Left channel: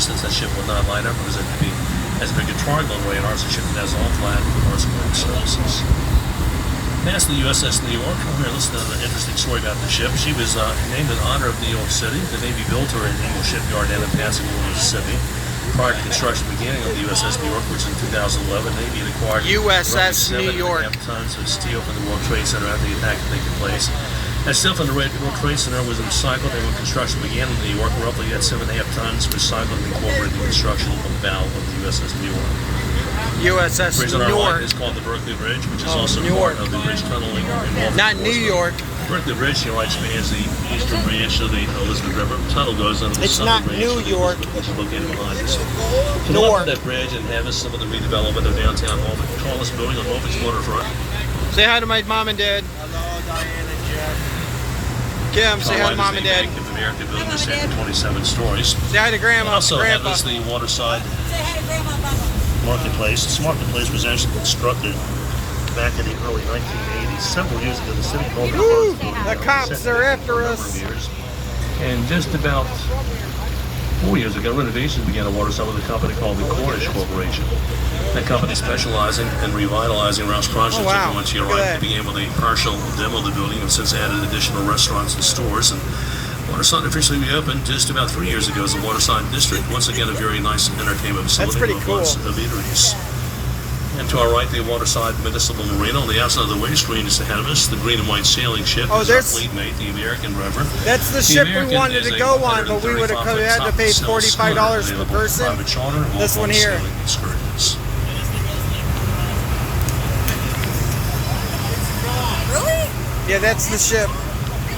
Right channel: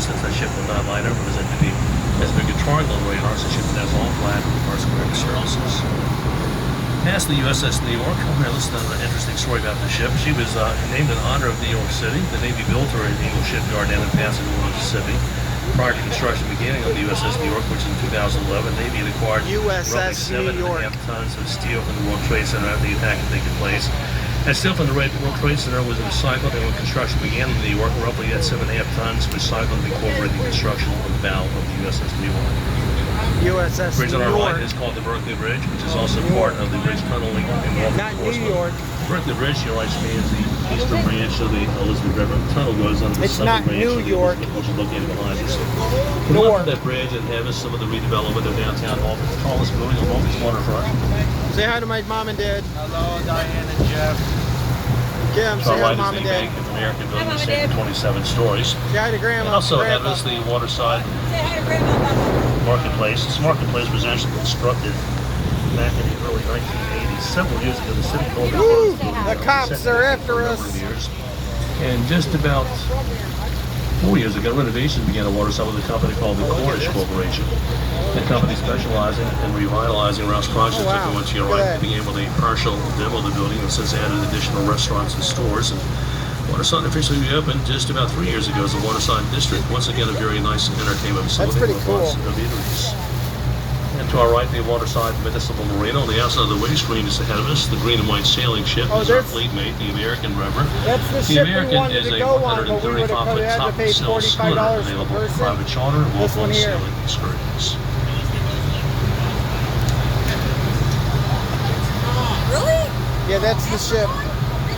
distance. That ship will not liner because it could be as big a triangle radar as a ship that has all flat horizontal surfaces. Past the USS New York, here listen to an interesting story about the ship. She was named in honor of New York City. The Navy built her in Naval Shipyard down in Pasadena, Mississippi. Prior to construction beginning of the USS New York, which in 2011, Navy had acquired USS New York 7.5 tons of steel from the World Trade Center after the attack had taken place. That steel from the World Trade Center was recycled, and when construction began in New York, roughly had 7.5 tons recycled and incorporated in the construction of the bow of the USS New York. USS The bridge on New our York. right is called the Berkeley Bridge, which is also New part York. of the bridge tunneling in Norfolk. Not New York. Berkeley Bridge, here right spans the eastern branch of the Elizabeth River. The tunnel goes under the It's southern not branch New of the York. Elizabeth, which is located behind us. To Newark. north of that bridge and have some of the redevelopment of downtown Norfolk, the tallest building on Norfolk's waterfront. Say hi to my mom and dad. Hello, Diane and Jeff. Kim, say hi to mom and dad. Bank of America building is 27 stories. Say hi to grandma. Also have grandpa. this the waterside Say hi to Grandma. marketplace. This marketplace was actually constructed back in the early 1980s. Several years ago, the city called it Woo! the The cops are after us. And just about 4 years ago, renovations began at Waterside with a company called the Cornish Corporation. That company specializing in revitalizing Rouse Projects. Oh, wow. Once you Look at arrive, that. began with a partial demo of the building and since added additional restaurants and stores. And Waterside officially reopened just about 3 years ago as the Waterside District. Once again, a very nice entertainment facility. pretty with cool. lots of eateries. And to our right, the Waterside Municipal Marina. On the outside of the wing screen is ahead of us, the green and white sailing ship. Oh, is our there's- fleet mate, the American River. That's the The ship we American wanted is to a go on, but we would have 135-foot had to top pay sail $45 schooner per available for person. private charter, This one walk-on here. sailing excursions. Really? Yeah, that's the ship.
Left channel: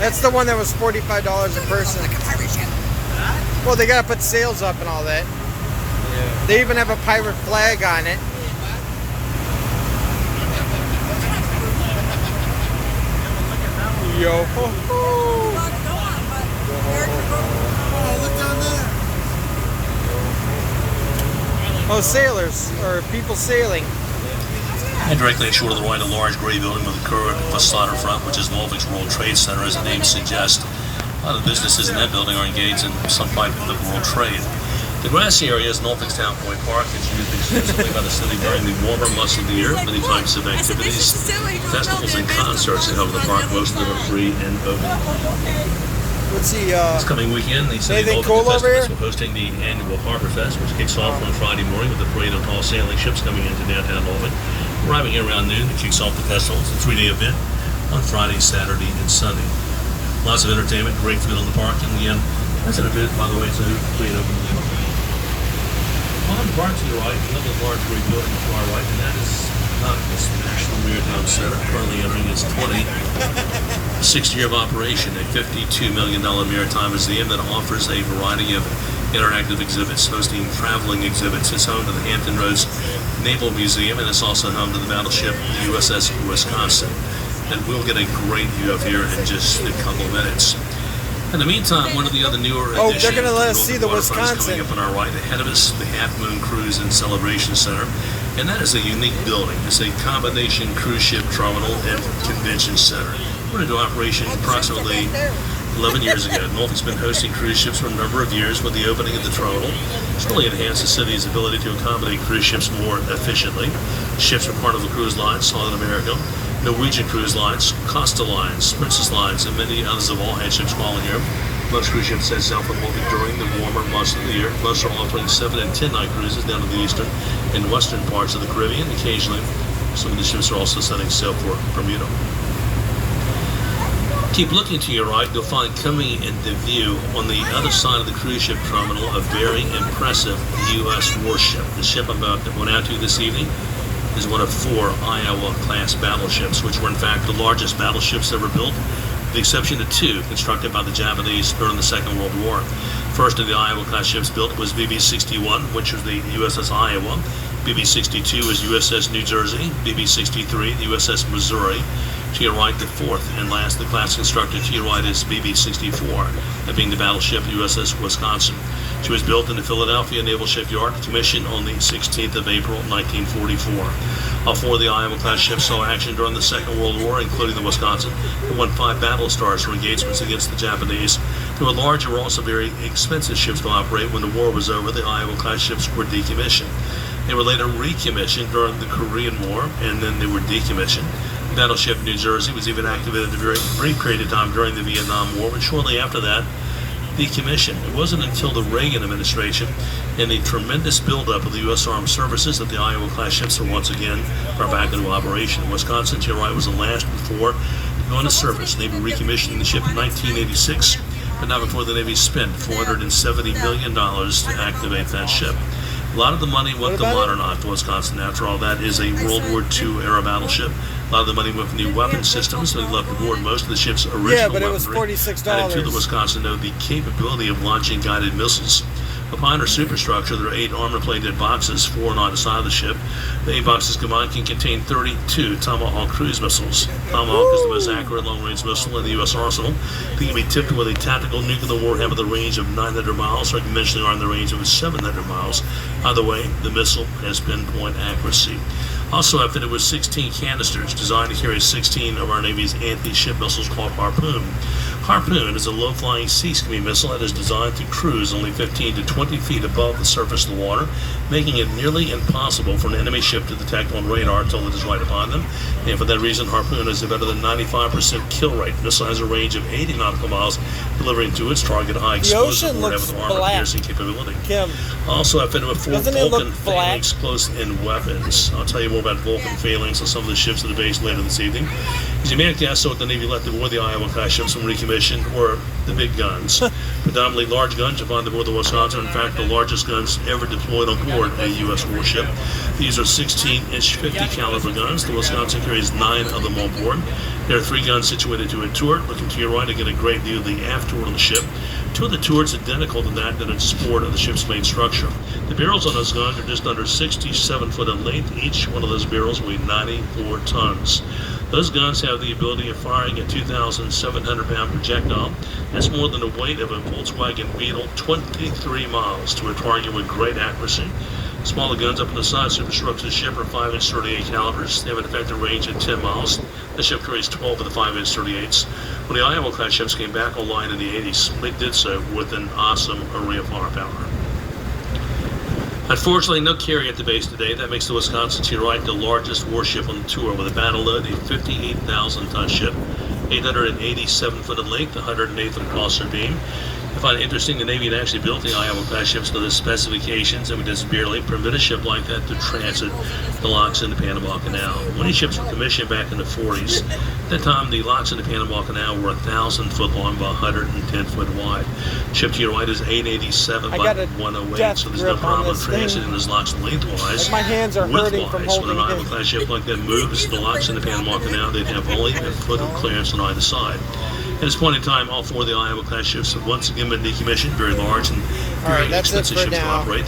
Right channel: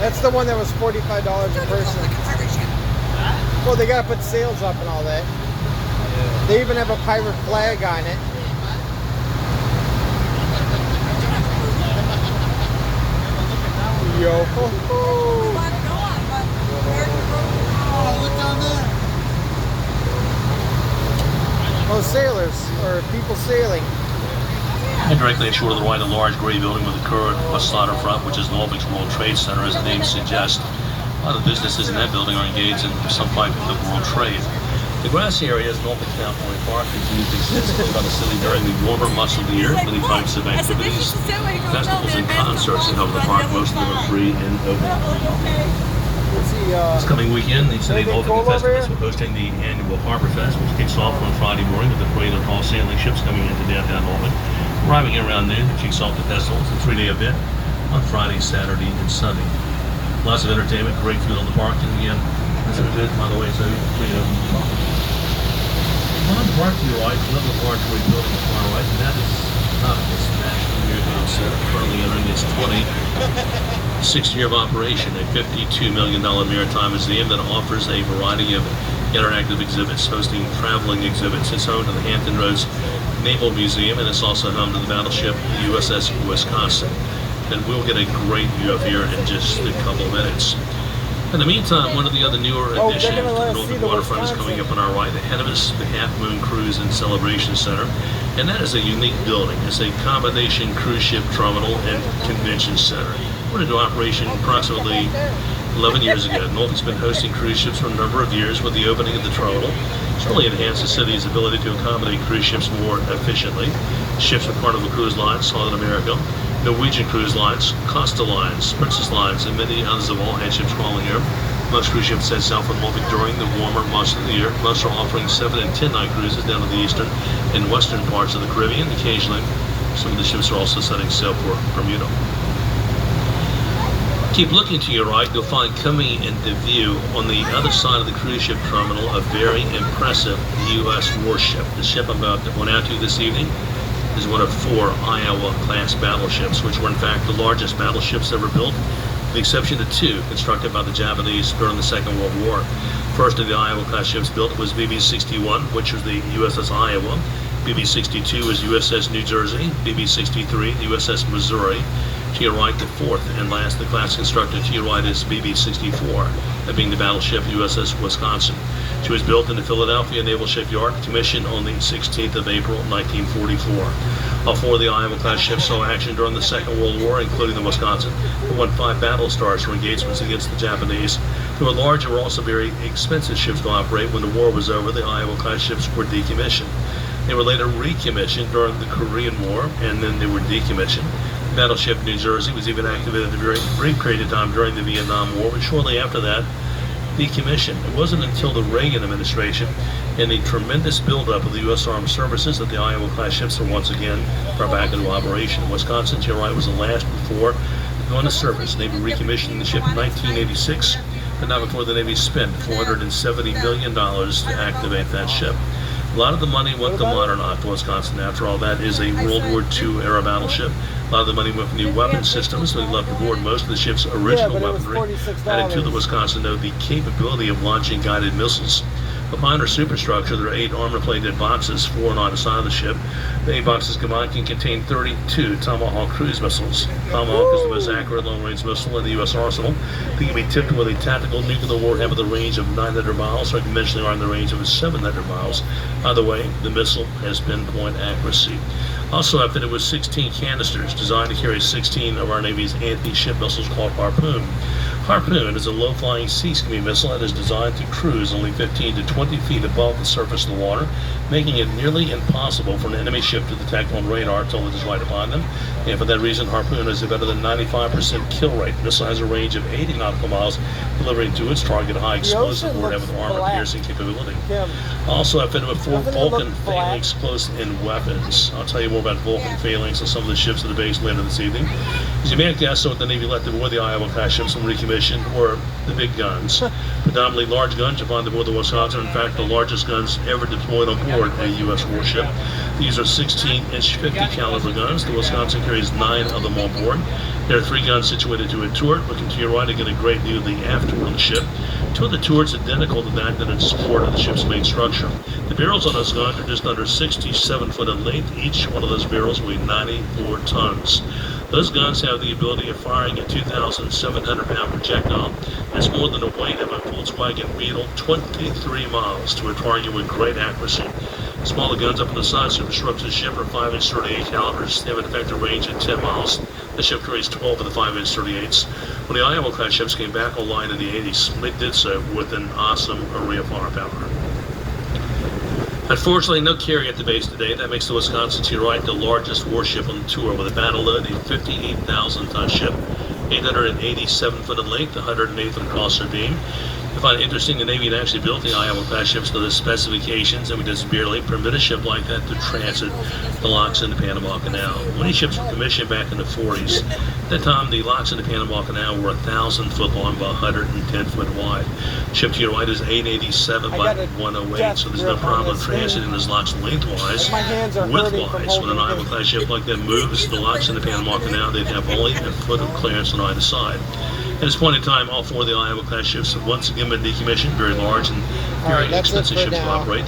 That's the one that was $45 a person. Like a pirate ship. Well, they gotta put sails up and all that. They even have a pirate flag on it. Yo ho ho! Oh, sailors or people sailing. And directly ashore to the right, a large gray building with a curved facade in front, which is Norfolk's World Trade Center, as the name suggests. A lot of businesses in that building are engaged in some type of world trade. The grassy area is Norfolk's Town Point Park. It's used extensively by the city during the warmer months of the year. Many types of activities, festivals, and concerts are held in the park. Most of them are free and open. Let's see. This coming weekend, the City of Anything Norfolk cool over Festivals here? are hosting the annual Harbor Fest, which kicks off on Friday morning with the parade of tall sailing ships coming into downtown Norfolk. Arriving here around noon, it kicks off the festival. It's a 3-day event on Friday, Saturday, and Sunday. Lots of entertainment, great food on the park, and again, that's an event, by the way, so free and open. On the park to your right, another large gray building to our right, and that is this National Maritime Center, currently entering its 26th year of operation, a $52 million maritime museum that offers a variety of interactive exhibits, hosting traveling exhibits. It's home to the Hampton Roads Naval Museum, and it's also home to the battleship USS Wisconsin. And we'll get a great view of here in just a couple of minutes. In the meantime, one of the other newer Oh, additions they're gonna let to us see Norfolk the Waterfront is Wisconsin. coming up on our right. Ahead of us, the Half Moon Cruise and Celebration Center. And that is a unique building. It's a combination cruise ship terminal and convention center. Went into operation approximately 11 years ago. Norfolk's been hosting cruise ships for a number of years. With the opening of the terminal, it's really enhanced the city's ability to accommodate cruise ships more efficiently. Ships from Carnival Cruise Lines, Southern America, Norwegian Cruise Lines, Costa Lines, Princess Lines, and many others have all had ships calling here. Most cruise ships head south from Norfolk during the warmer months of the year. Most are offering 7- and 10-night cruises down to the eastern and western parts of the Caribbean. Occasionally, some of the ships are also setting sail for Bermuda. Keep looking to your right, you'll find coming into view on the other side of the cruise ship terminal a very impressive U.S. warship. The ship I'm about to point out to you this evening is one of 4 Iowa-class battleships, which were in fact the largest battleships ever built, with the exception of 2 constructed by the Japanese during the Second World War. First of the Iowa-class ships built was BB-61, which was the USS Iowa. BB-62 was USS New Jersey, BB-63 the USS Missouri, To your right, the fourth and last the class constructed to your right is BB-64, that being the battleship USS Wisconsin. She was built in the Philadelphia Naval Shipyard, commissioned on the 16th of April, 1944. All four of the Iowa-class ships saw action during the Second World War, including the Wisconsin, who won 5 battle stars for engagements against the Japanese. They were large and were also very expensive ships to operate. When the war was over, the Iowa-class ships were decommissioned. They were later recommissioned during the Korean War, and then they were decommissioned. The battleship New Jersey was even activated a very brief period of time during the Vietnam War, but shortly after that, decommissioned. It wasn't until the Reagan administration and the tremendous buildup of the U.S. Armed Services that the Iowa-class ships were once again brought back into operation. Wisconsin, to your right, was the last before going to service. Navy recommissioning the ship in 1986, but not before the Navy spent $470 million to activate that ship. A lot of the money went to modernize the Wisconsin. After all, that is a World War II era battleship. A lot of the money went for new weapon systems. They left aboard most of the ship's original Yeah, but it was weaponry. $46. Added to the Wisconsin, though, the capability of launching guided missiles. Behind her superstructure, there are 8 armor-plated boxes, 4 on either side of the ship. The 8 boxes combined can contain 32 Tomahawk cruise missiles. Tomahawk is the most accurate long-range missile in the U.S. arsenal. They can be tipped with a tactical nuclear warhead with a range of 900 miles, or conventionally are in the range of 700 miles. Either way, the missile has pinpoint accuracy. Also outfitted with 16 canisters designed to carry 16 of our Navy's anti-ship missiles called Harpoon. Harpoon is a low-flying sea-skimming missile that is designed to cruise only 15 to 20 feet above the surface of the water, making it nearly impossible for an enemy ship to detect on radar until it is right upon them. And for that reason, Harpoon has a better than 95% kill rate. The missile has a range of 80 nautical miles, delivering to its target a high explosive warhead with armor-piercing capability. Kim, Also outfitted with 4 doesn't it look Vulcan black? phalanx close-in weapons. I'll tell you more about Vulcan phalanx and some of the ships at the base later this evening. As you may have guessed, so what the Navy left aboard the Iowa-class ships from recommission were the big guns. Predominantly large guns you'll find aboard the Wisconsin. In fact, the largest guns ever deployed on board a U.S. warship. These are 16-inch 50 caliber guns. The Wisconsin carries 9 of them on board. There are 3 guns situated to a turret. Looking to your right to get a great view of the aft turret of the ship. 2 of the turrets identical to that in support of the ship's main structure. The barrels on those guns are just under 67 foot in length. Each one of those barrels weighs 94 tons. Those guns have the ability of firing a 2,700-pound projectile. That's more than the weight of a Volkswagen Beetle, 23 miles to a target with great accuracy. Smaller guns up on the side superstructure of the ship are 5-inch 38 calibers. They have an effective range of 10 miles. The ship carries 12 of the 5-inch 38s. When the Iowa-class ships came back online in the 80s, they did so with an awesome array of firepower. Unfortunately, no carrier at the base today. That makes the Wisconsin, to your right, the largest warship on the tour with a battle load, a 58,000-ton ship, 887 foot in length, 108th in crosser beam. I find it interesting the Navy had actually built the Iowa-class ships to the specifications and would just barely permit a ship like that to transit the locks in the Panama Canal. Many ships were commissioned back in the 40s. At that time, the locks in the Panama Canal were 1,000 foot long by 110 foot wide. The ship to your right is 887 by 108, so there's no problem transiting those locks lengthwise. my hands are hurting from Widthwise, when an holding Iowa-class ship like that moves the locks in the Panama Canal, they'd have only a foot of clearance on either side. At this point in time, all 4 of the Iowa-class ships have once again been decommissioned, very large and very All right, that's it expensive for ships to now. operate.